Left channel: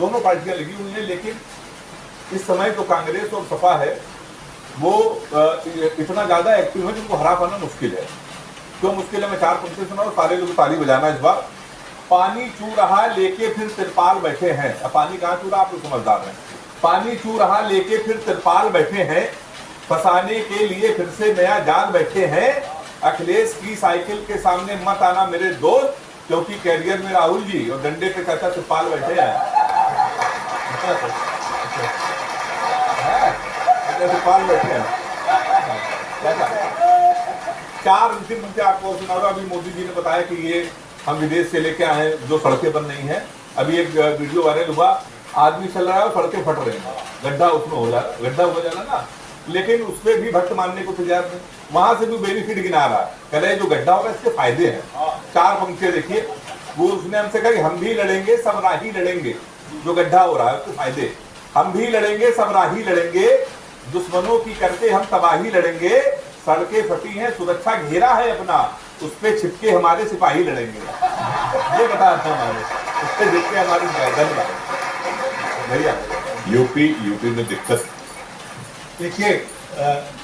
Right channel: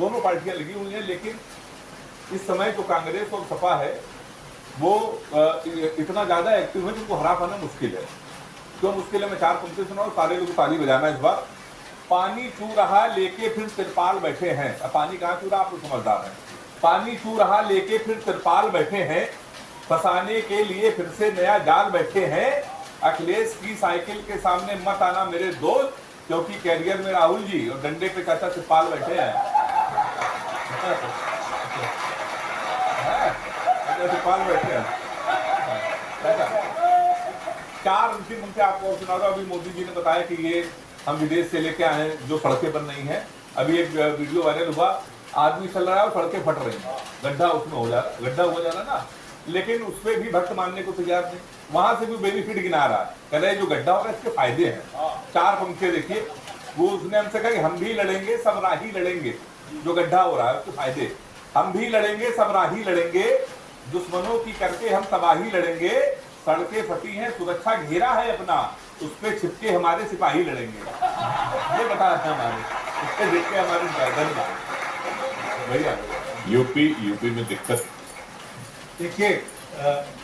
दोनों पार्टियां लगी हुई हैं, लेकिन इस समय तो कांग्रेस और सपा है वो इतना ज्यादा एक्टिव है कि उनको हरा पाना मुश्किल है। क्यों मुश्किल है? मैं 4 पंक्ति सुनाऊं, सारे लोग ताली बजाना इस बार। पानी चू रहा लेके फिर तिरपाल बैठे हैं। अब पानी कहाँ चू रहा, आप लोग समझदार हैं। पानी चू रहा लेके फिर तिरपाल बैठे हैं, फंसाने के लिए फिर से नया जाल बैठे हैं। अखिलेश की साइकिल के सामने मत आना मेरे दोस्त, क्योंकि कैरियर में राहुल जी और डंडे पे चाचा तिरपाल बैठे हैं। तिरपाल बैठे हैं। 4 अंतिम मुद्दे आपको सुना दो। अभी मोदी जी ने बताया कि ये हम विदेश से लेके आए जो सड़कें बन रही हैं। अभी एक वीडियो वायरल हुआ, आदमी चल रहा है और सड़कें फट रही हैं, गड्ढा उसमें हो जा रहा, गड्ढा हो जा रहा ना, लेकिन उस पर भी भक्त मानने को तैयार नहीं। वहां से भी बेनिफिट गिना रहा है, कह रहे जो गड्ढा होगा इसके फायदे हैं। 4 पंक्तियां देखिए, वो उसने हमसे कहा कि हम भी लड़ेंगे सब राही लड़ेंगे, जो गड्ढा हो रहा है उसके फायदे। हम भी लड़ेंगे सब राही लड़ेंगे, दुश्मनों की करके हम तबाही लड़ेंगे। सड़कें फटी हैं, सुरक्षा घेरा है अपना, उस पे छिपके हमारे सिपाही लड़ेंगे। ये बता रहा हमारे, उस पे छिपके हमारी भैया। यूपी में दिक्कत देखिए,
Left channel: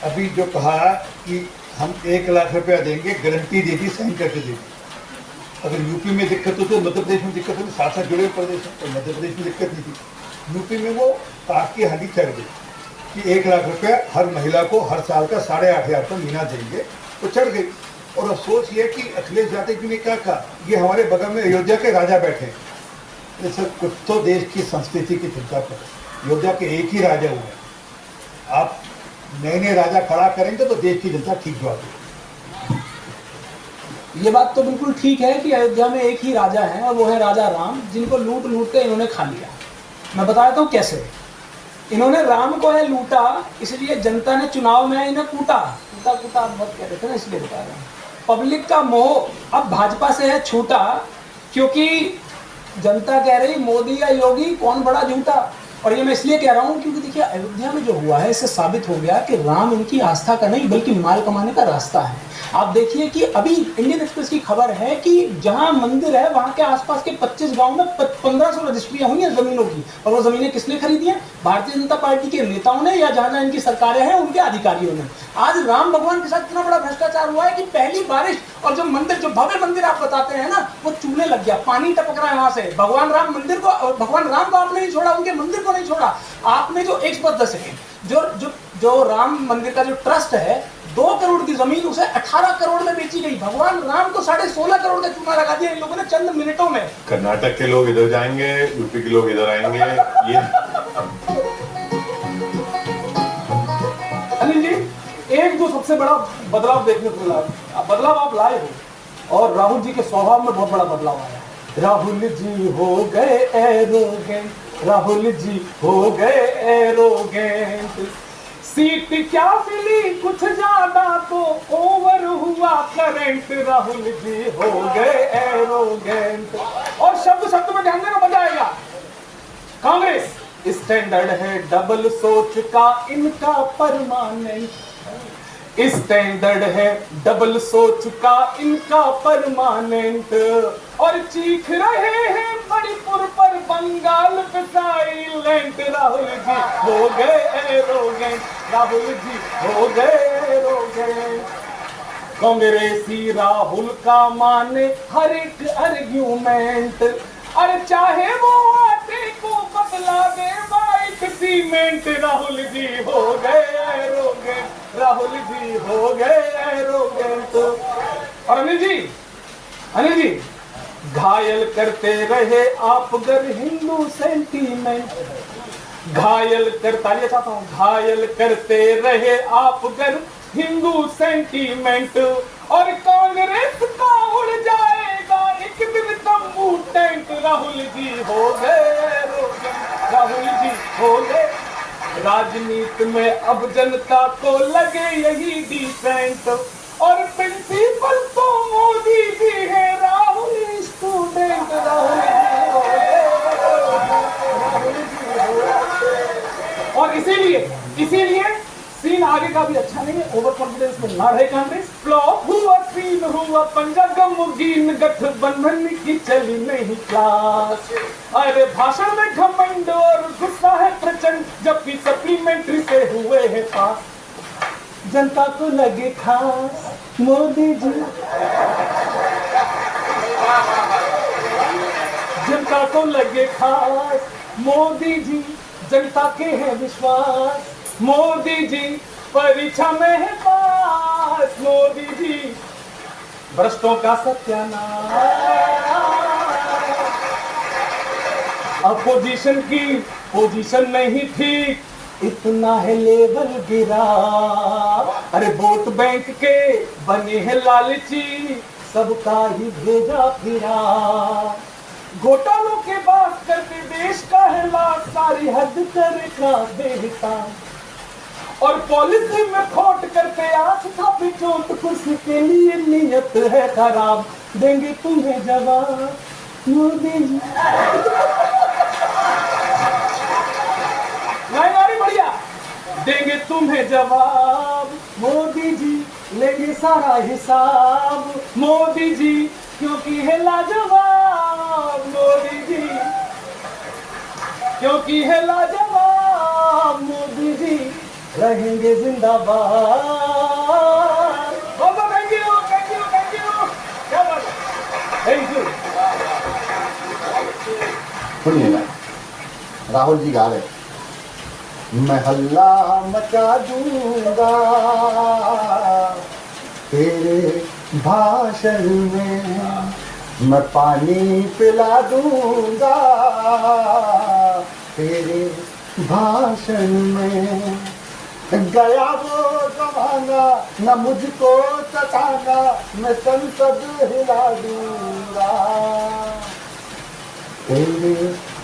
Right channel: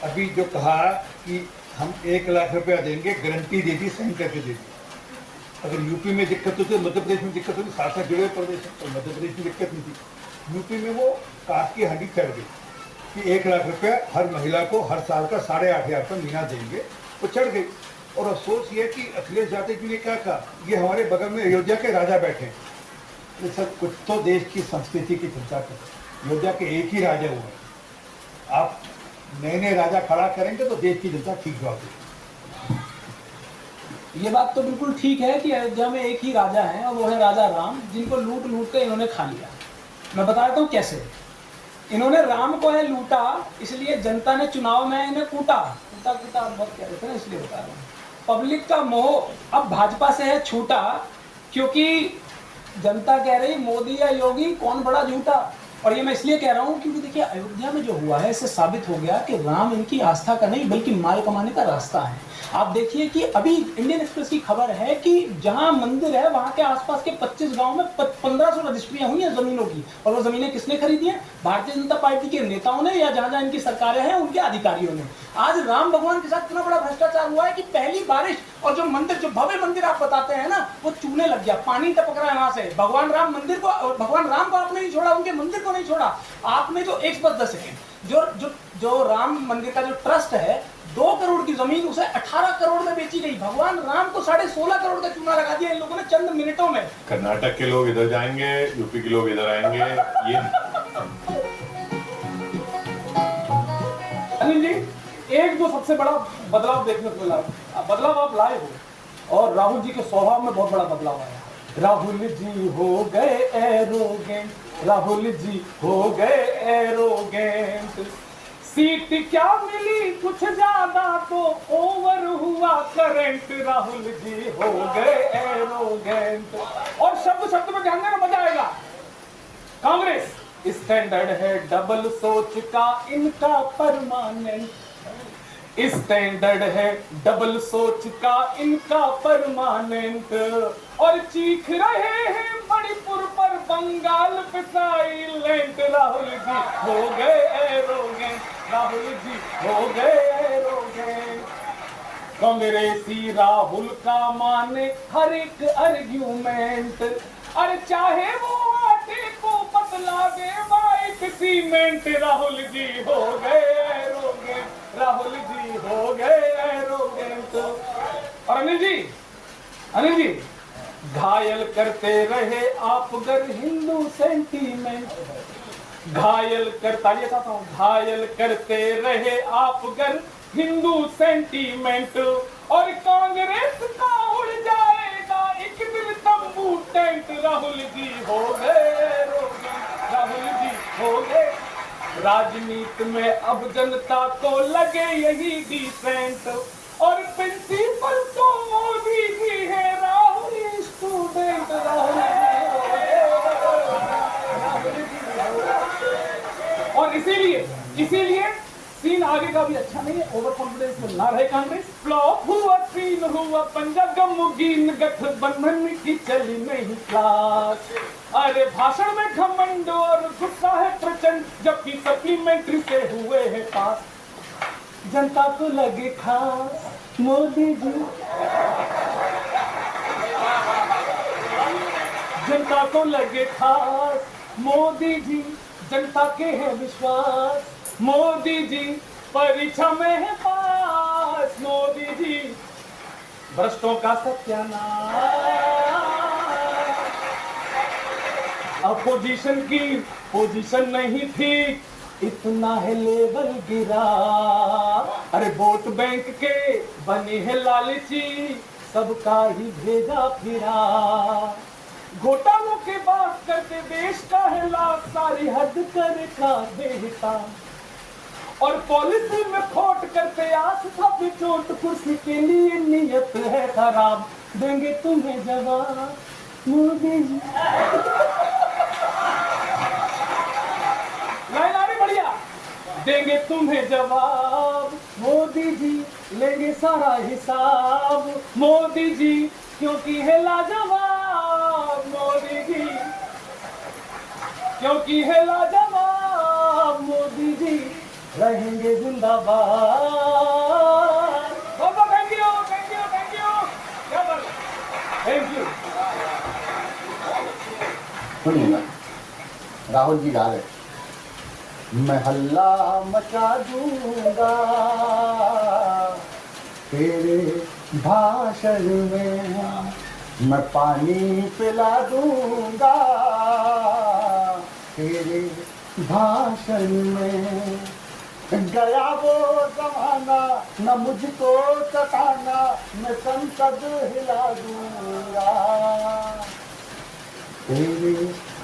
अभी जो कहा कि हम 1 लाख रुपया देंगे, गारंटी दे दी, साइन करके दे दी। अगर यूपी में दिक्कत हो तो मध्य प्रदेश में दिक्कत होगी, साथ साथ जुड़े हुए प्रदेश में। तो मध्य प्रदेश में दिक्कत नहीं थी, यूपी में वो काट की हड्डी चढ़ गई कि 1 लाख रुपया हर महिला को हर साल का 8,500 रुपया महीना देंगे, तो चढ़ गई। और अफसोस ये कि अखिलेश यादव जी ने क्या कहा, ये हमारे बगल में अयोध्या के राजा बैठे। ये सब कुछ तो देश की संस्कृति की चिंता करें। अयोध्या के एक ही राजा हुए, आप नए नए राजा खड़ा करेंगे तो देश की जनता ठीक जवाब देगी। ये बात तो बिल्कुल ठीक है कि अयोध्या में एक ही राजा है और वो है राजा राम, जिनको लूट लूट कर इन्होंने खा लिया। मैं बताता हूँ कैसे। इन्होंने राम को है लूटा, इसलिए जनता ने चुनाव में इन्हें कूटा। कूटा कूटा आप बहुत कहते थे ना, इसलिए बता रहे हैं। पब्लिक का मोह अब भाजपा से है छूटा, क्योंकि जनता कह रही मोदी या योगी कौन बड़ा झूठा। और ये मैं इसलिए कह रहा हूँ क्योंकि देखिए, अयोध्या में जो हुआ है इससे साबित हो गया कि राम इनकी आस्था का नहीं बल्कि माल कमाने का रास्ता है। आप देखिए कि अभी इंडियन एक्सप्रेस की खबर है कि जहां मंदिर है वहां के आसपास के 25 गांव में 1500 रजिस्ट्रियां हुई हैं जमीनों की। और वो जमीनें किसने खरीदी हैं? भारतीय जनता पार्टी के नेताओं ने, या जहां जहां इनकी सरकारें हैं उनके अधिकारियों ने। आज राम भगवान के साथ इतना बड़ा भ्रष्टाचार हुआ है कि पहली बारिश और जो मंदिर, जो भव्य मंदिर आप बताते हैं ना, वो चूल्हे लग गया, पानी टपक रहा है वहां से। भगवान राम मंदिर को, भगवान राम को आपने नहीं छोड़ा, उनके मंदिर को नहीं छोड़ा। आपने जो 110 सेकेंड जो राम मंदिर का जो ट्रस्ट है, 2 करोड़ की जमीन उसे 18 करोड़ में बेची गई। भगवान राम को 16.5 करोड़ का चूना लगा दिया इन लोगों ने चंद मिनटों में। कर्नाटक के लोग इधर जाएंगे, यूपी के लोग इधर आएंगे। ये अनिल जी, एक जो सबसे बड़ा बदलाव देखने को मिला, बदलाव आप लाए हो, और राहुल जी के स्वभाव में बहुत बड़ा बदलाव आया है। राहुल जी हो गए एरोगेंट, राहुल जी हो गए एरोगेंट। सीट क्या मिली कुछ ज्यादा तो ओवर हुआ करंट, राहुल जी हो गए एरोगेंट। और शब्द शब्द में ध्यान देना, बताएगा कांग्रेस स्टैंडर्ड है डबल सोच का इनका परमानेंट, स्टैंडर्ड है डबल सोच का इनका परमानेंट। और चीख रहे हैं मणिपुर पर बंगाल पे साइलेंट, राहुल जी हो गए एरोगेंट, राहुल जी हो गए एरोगेंट। कांग्रेसी राहुल का माने हर एक आर्ग्यूमेंट, अरे चाहे वो आटे को बदला दे बाइक सीमेंट, राहुल जी हो गए एरोगेंट, राहुल जी हो गए एरोगेंट। और अनिल जी घायल करते रहे आप गर हिंदू सेंटीमेंट, घायल करते रहे आप गर हिंदू सेंटीमेंट। और कांग्रेस का उड़ जाएगा एक दिन तंबू टेंट, राहुल जी हो गए एरोगेंट, राहुल जी हो गए। राजनीति में अब जनता को लगे यही डिसेंट, और प्रिंसिपल तो मोदी जी है, राहुल स्टूडेंट, राहुल जी हो गए, राहुल जी हो गए। और इसीलिए सीन आगे का भी अच्छा नहीं है, ओवर कॉन्फिडेंस में ना रहे कांग्रेस। फ्लॉप हुआ सीन हुआ पंजा गमगीन, गठबंधन की चली नहीं क्लास। अरे भाषण में घमंड पास, जनता को लगे खास मोदी जी, जनता को लगे खास मोदी जी, जनता के हैं विश्वास मोदी जी, परीक्षा में है पास मोदी जी, भ्रष्टों का सत्यानाश। अपोजिशन की पोजीशन नहीं ठीक, इतना है लेवल गिरा, अरे वोट बैंक के बने हैं लालची, सबका ही भेजा फिरा, घोटालों के बात करके देश का है लाश, सारी हद करे का देता, और पॉलिसी में खोट करके आस्था पे चोट, कुछ के लिए नियत है खराब, देंगे तुम्हें जवाब मोदी जी। लाइन आ रही बढ़िया, देंगे तुम्हें जवाब मोदी जी, लेंगे सारा हिसाब मोदी जी, क्योंकि है लाजवाब मोदी जी, क्योंकि है लाजवाब मोदी जी, रहेंगे जिंदाबाद। बहुत thank you, thank you, thank you, क्या बात है, थैंक यू। सुनिए ना, राहुल जी गा रहे, मैं हल्ला मचा दूंगा तेरे भाषण में, मैं पानी पिला दूंगा तेरे भाषण में, गया वो जमाना न मुझको सताना, मैं संसद हिला दूंगा तेरे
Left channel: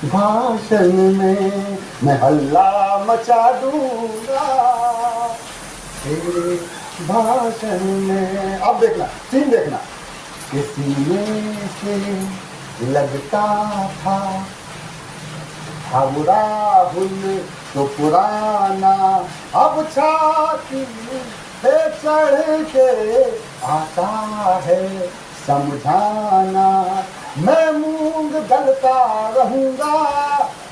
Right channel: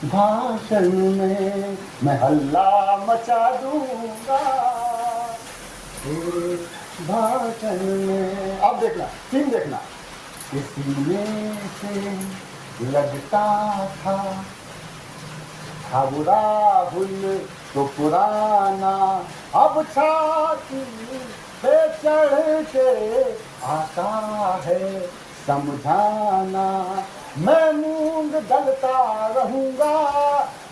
भाषण में, मैं हल्ला मचा दूंगा तेरे भाषण में। अब देखना, सीन देखना, किसी में से लगता था अब राहुल तो पुराना, अब छाती पे चढ़ के आता है समझाना, मैं मूंग दलता रहूंगा,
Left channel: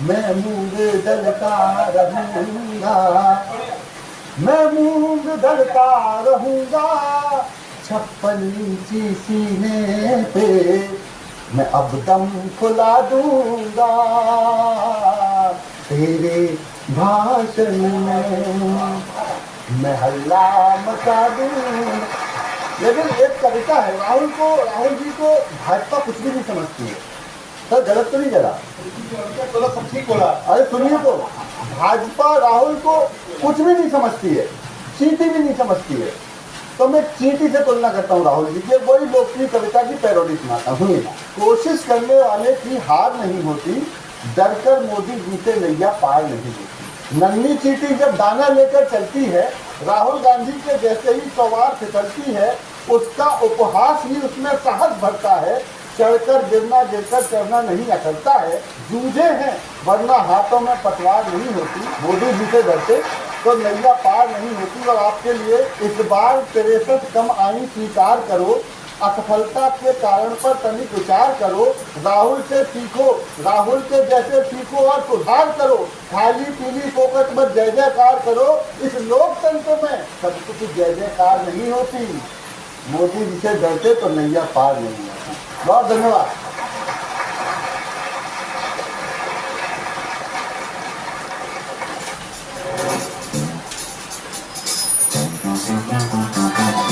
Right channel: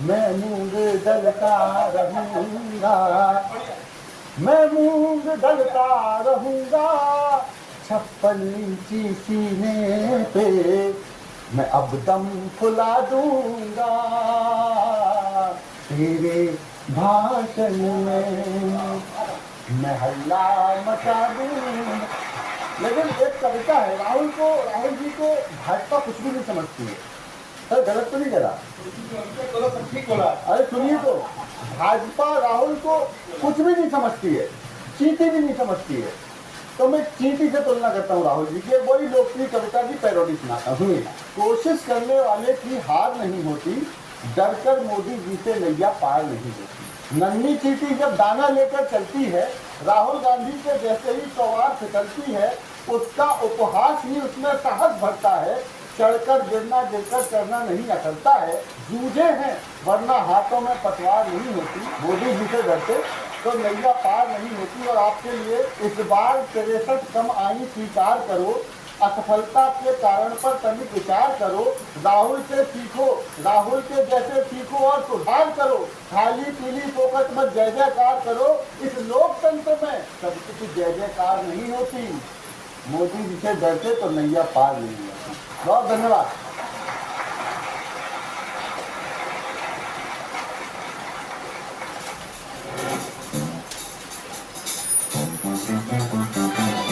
मैं मूंग दलता रहूंगा, मैं मूंग दलता रहूंगा, 56 इंची सीने पे मैं अब दम खुला दूंगा तेरे भाषण में, मैं हल्ला मचा दूं। लेकिन एक तरीका है, राहुल जी को भाजपा कुछ भी नहीं समझती है। सर गलत तो नहीं करा, सब ठीक बोला। अरे सुनिए तो, भाजपा राहुल को कुछ भी नहीं समझती है, चींटी भी नहीं समझती है। तो मैं चींटी से तुलना करता हूँ राहुल जी की, बड़ी लोकप्रिय कविता की पैरोडी सुनाता हूँ। कोशिश करने वाले की हार नहीं होती, डरकर मोदी जी से नैया पार नहीं होती। नन्ही चींटी जब दाना लेकर चलती है, राहुल गांधी के जैसे ही सवार फिसलती है, उसका उपहास ही उसमें साहस भरता है। चढ़कर गिरना, गिरकर चढ़ना नहीं अकलता है। जूझे हैं वरना हाथों में पतवार नहीं होती, मोदी जी से डरते तो नैया पार नहीं होती। और आपके लिए इस बार 63 कम आई स्वीकार करो, असफलता के कारण पर तनिक विचार करो, राहुल से सीखो, राहुल के जैसे सीखो और सुधार करो, खाली पीली फोकट में जय जयकार करो। इस लोकतंत्र में सब कुछ जय जयकार नहीं होती, मोदी जी से डरते तो नैया पार नहीं होता। बहुत धन्यवाद।